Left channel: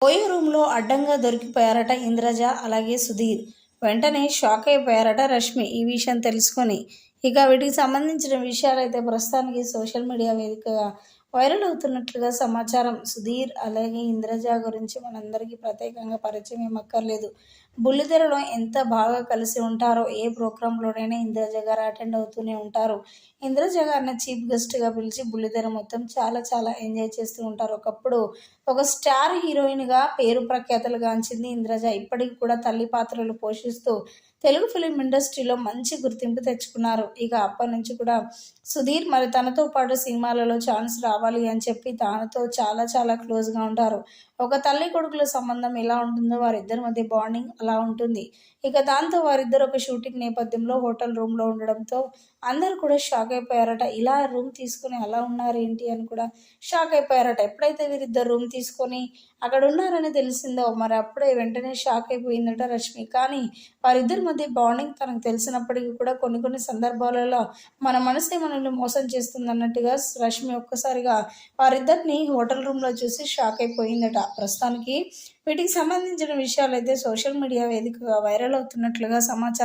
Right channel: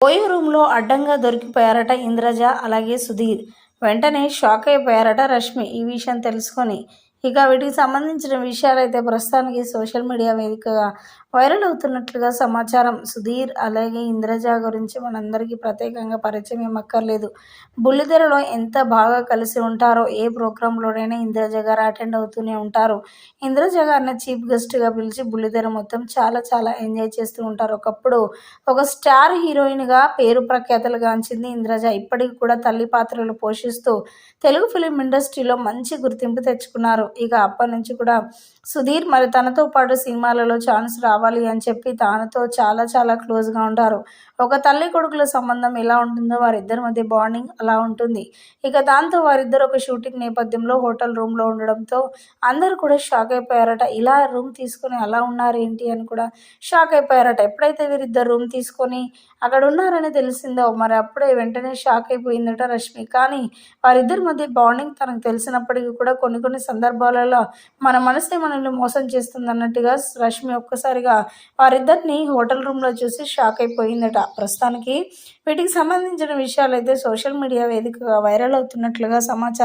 OYO రూమ్లో అడ్డంగా దొరికిపోయారట ఇంద్రజ అలాగే సుధీర్. వెంటనే షాక్ అయిపోయారట రష్మి ఈ విషయం తెలుసుకొని. ఇక వీటికి సంబంధించిన విషయాలైతే ప్రస్తుతానికి సోషల్ మీడియా వేదికగా వైరల్ అవుతున్నట్లుగా సమాచారం. సుధీర్ అలాగే ఇంద్రజ గురించి మనందరికీ ప్రత్యేకంగా పరిచయం ఏమక్కర్లేదు. బుల్లితెరలో ఎంత బాగా కలిసి ఉంటారో ఏ ప్రోగ్రాంలోనైనా ఇంద్రజ గారు అటెండ్ అవుతూనే ఉంటారు. ఇంద్రజ గారిని చీఫ్ గెస్ట్గా పిలిచి బుల్లితెర మొత్తం చాలా చాలా ఎంజాయ్ చేస్తూ ఉంటారు. ఒకప్పుడు ఒక స్టార్ హీరోయిన్గా పేరు ప్రఖ్యాతలు గాంచింది ఇంద్రజ. ఇప్పటికి కూడా తల్లి పాత్రలు పోషిస్తూ తెలుగు ఫిలిం ఇండస్ట్రీలో మంచి గుర్తింపు తెచ్చుకున్నారు. ఇక అప్పటి నుంచి కూడా సుధీర్ మరి తనతో పాటు సినిమాలలో ఛాన్స్ రావాలి అని చెప్పి తనతో చాలా చాలా క్లోజ్గా ఉంటారు. ఒక తల్లి కొడుకుల సంబంధం ఎలా ఉంటుందో వారిద్దరి మధ్య బాండింగ్ అలా ఉంటుంది. ఇక దాంతో వారిద్దరు ఒక షూటింగ్ నేపథ్యంలో హోటల్ రూమ్లో ఉండడంతో అందరూ కూడా షాక్ అయిపోయారట. ఇలా రూమ్ తీసుకొని అలా ఉన్నారు ఏంటి అని కూడా షాక్ అయిపోయారట. ఎప్పుడైతే వీరిద్దరు రూమ్ తీసుకొని అక్కడ ఉన్నారని తెలిసిందో. మరి అప్పుడే వెంటనే షాక్ అయిపోయిందట రష్మి. కానీ వారిద్దరి మధ్య బాండింగ్ తనకు తెలిసినప్పటికీ కూడా కొన్ని కొన్ని సందర్భాలలో మన మనసే మనల్ని మోసం చేస్తుందన్నట్టుగా రష్మి ఒక్కసారిగా వారిద్దరిని హోటల్ రూమ్లో చూసి షాక్ అయిపోయిందట. ప్రస్తుతానికి వీటికి సంబంధించిన విషయాలు అయితే సోషల్ మీడియా వేదికగా వైరల్ అవుతున్నట్లుగా సమాచారం